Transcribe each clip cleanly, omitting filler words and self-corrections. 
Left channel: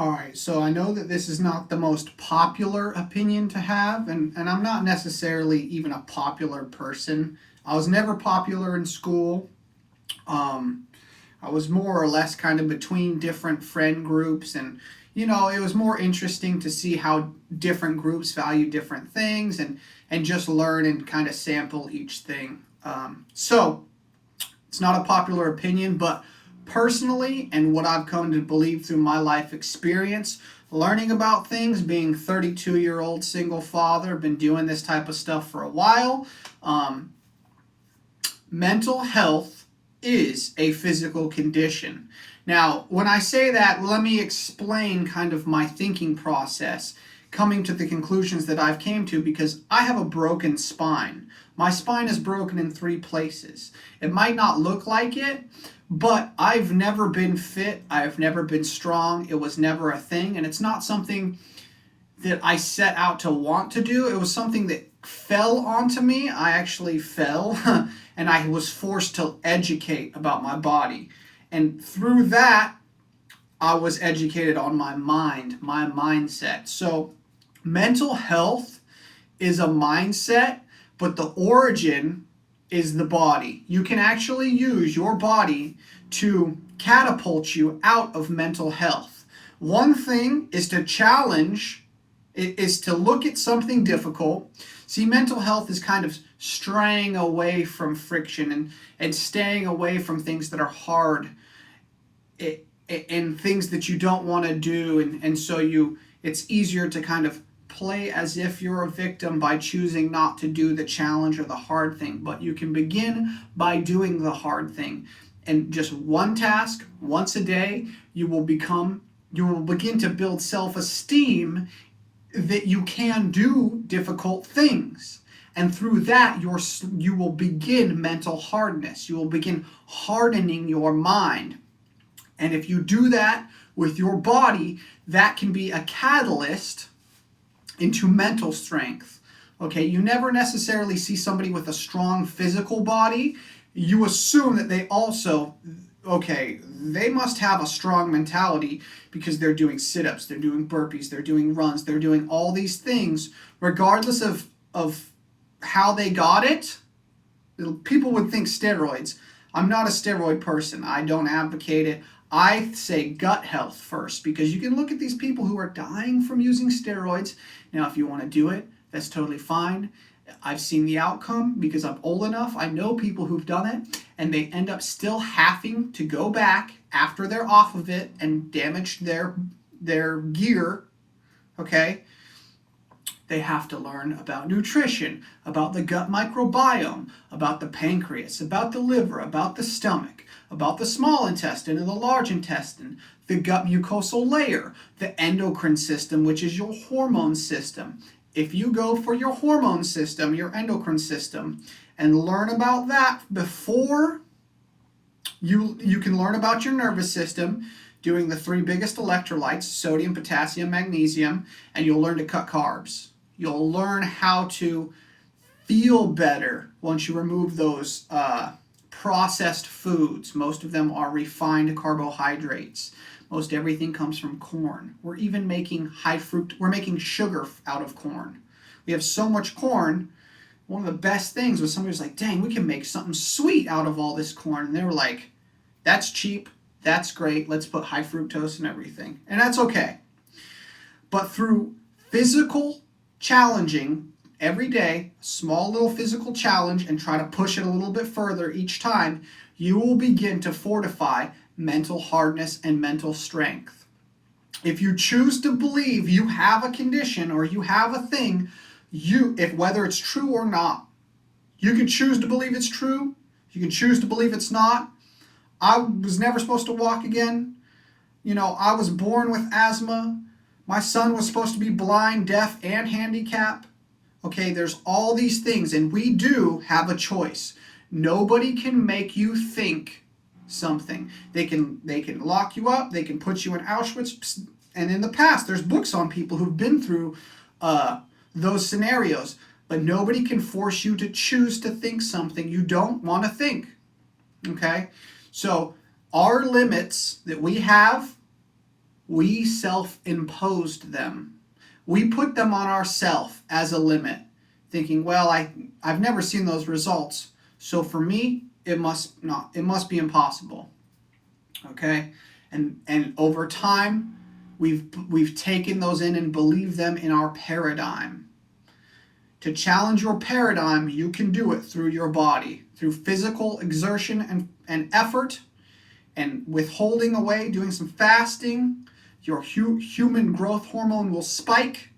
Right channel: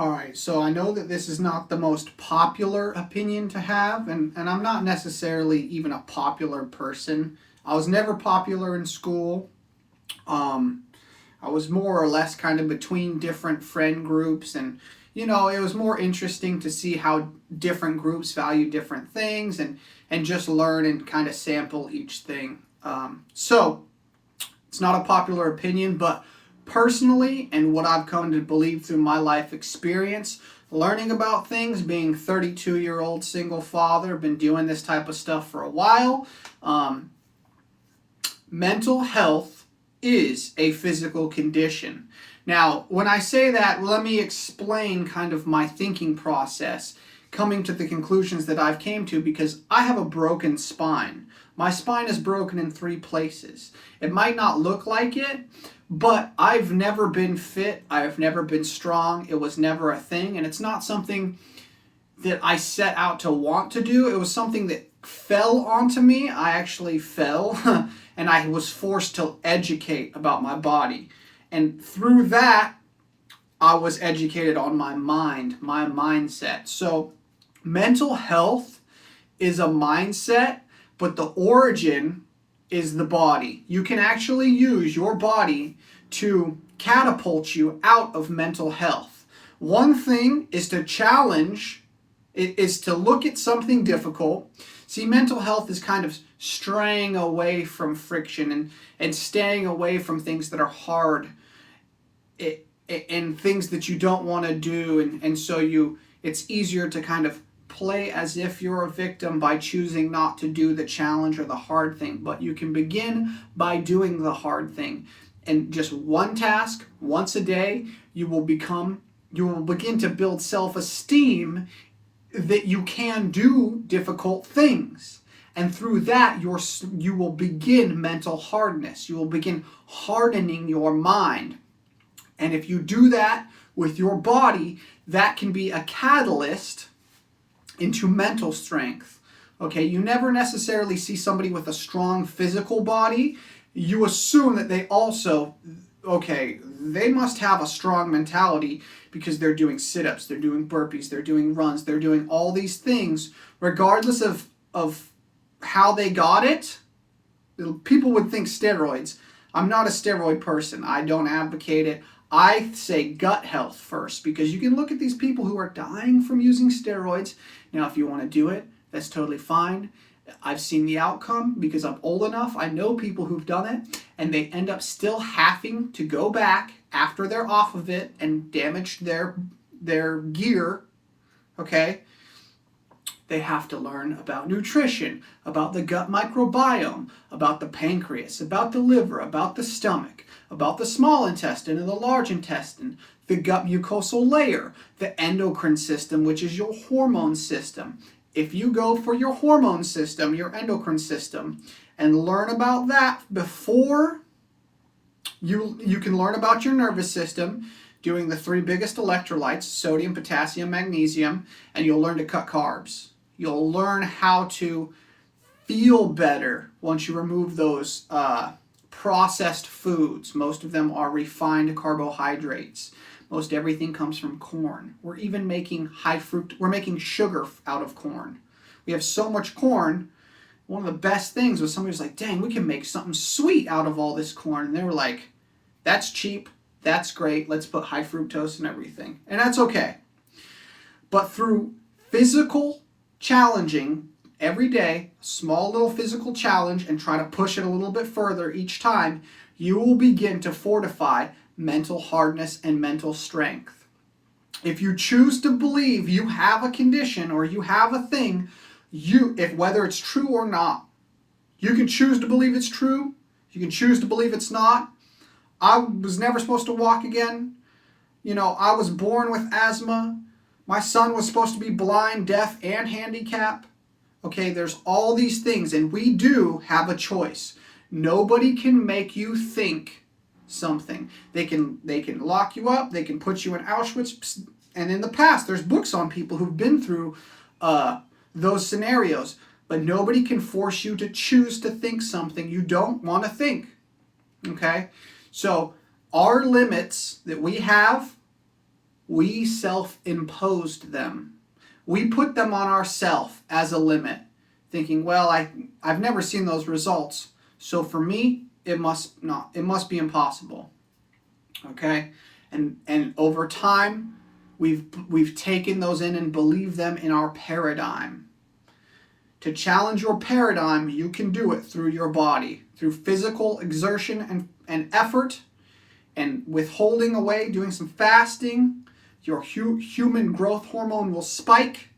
All right, so I know that this is not the most popular opinion to have, and I'm not necessarily even a popular person. I was never popular in school. Um, I was more or less kind of between different friend groups, and it was more interesting to see how different groups value different things, and just learn and kind of sample each thing. So it's not a popular opinion, but personally, and what I've come to believe through my life experience, learning about things, being 32-year-old single father, been doing this type of stuff for a while. Um, Mental health is a physical condition. Now, when I say that, let me explain kind of my thinking process, coming to the conclusions that I've came to, because I have a broken spine. My spine is broken in 3 places. It might not look like it, but I've never been fit. I've never been strong. It was never a thing, and it's not something that I set out to want to do. It was something that fell onto me. I actually fell and I was forced to educate about my body. And through that, I was educated on my mind, my mindset. So mental health is a mindset, but the origin is the body. You can actually use your body to catapult you out of mental health. One thing is to challenge, is to look at something difficult. See, mental health is kind of straying away from friction and staying away from things that are hard and things that you don't want to do. And so it's easier to kind of play as if you're a victim by choosing not to do the challenge or the hard thing. But you can begin by doing the hard thing. And just one task, once a day, you will begin to build self-esteem that you can do difficult things. And through that, you will begin mental hardness. You will begin hardening your mind. And if you do that with your body, that can be a catalyst into mental strength. Okay, you never necessarily see somebody with a strong physical body. You assume that they also, they must have a strong mentality because they're doing sit-ups, they're doing burpees, they're doing runs, they're doing all these things, regardless of how they got it. People would think steroids. I'm not a steroid person. I don't advocate it. I say gut health first, because you can look at these people who are dying from using steroids. Now, if you want to do it, that's totally fine. I've seen the outcome because I'm old enough. I know people who've done it, and they end up still having to go back after they're off of it and damage their gear. Okay? They have to learn about nutrition, about the gut microbiome, about the pancreas, about the liver, about the stomach, about the small intestine and the large intestine, the gut mucosal layer, the endocrine system, which is your hormone system. If you go for your hormone system, your endocrine system, and learn about that before you can learn about your nervous system, doing the 3 biggest electrolytes, sodium, potassium, magnesium, and you'll learn to cut carbs. You'll learn how to feel better once you remove those processed foods. Most of them are refined carbohydrates. Most everything comes from corn. We're even making we're making sugar out of corn. We have so much corn. One of the best things was somebody was like, dang, we can make something sweet out of all this corn. And they were like, that's cheap, that's great, let's put high fructose in everything. And that's okay. But through physical challenging every day, small little physical challenge, and try to push it a little bit further each time, you will begin to fortify mental hardness and mental strength. If you choose to believe you have a condition or you have a thing, whether it's true or not, you can choose to believe it's true, you can choose to believe it's not. I was never supposed to walk again. I was born with asthma. My son was supposed to be blind, deaf, and handicapped. Okay, there's all these things, and we do have a choice. Nobody can make you think something. They can lock you up, they can put you in Auschwitz, and in the past, there's books on people who've been through those scenarios, but nobody can force you to choose to think something you don't want to think. Okay? So our limits that we have We self-imposed them. We put them on ourselves as a limit, thinking, well, I've never seen those results, so for me, it must be impossible. Okay? And over time, we've taken those in and believed them in our paradigm. To challenge your paradigm, you can do it through your body, through physical exertion and effort, and withholding away, doing some fasting. Your human growth hormone will spike,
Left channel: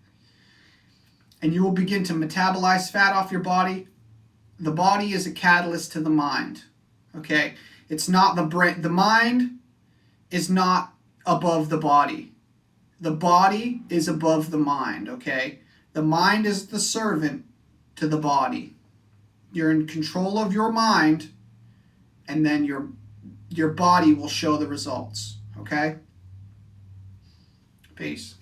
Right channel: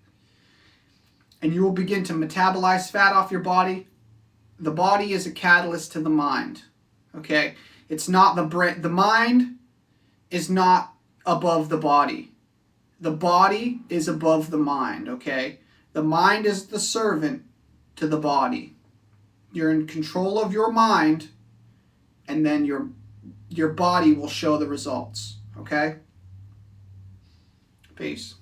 and you will begin to metabolize fat off your body. The body is a catalyst to the mind. Okay? It's not the brain. The mind is not above the body. The body is above the mind, okay? The mind is the servant to the body. You're in control of your mind, and then your body will show the results, okay? Peace.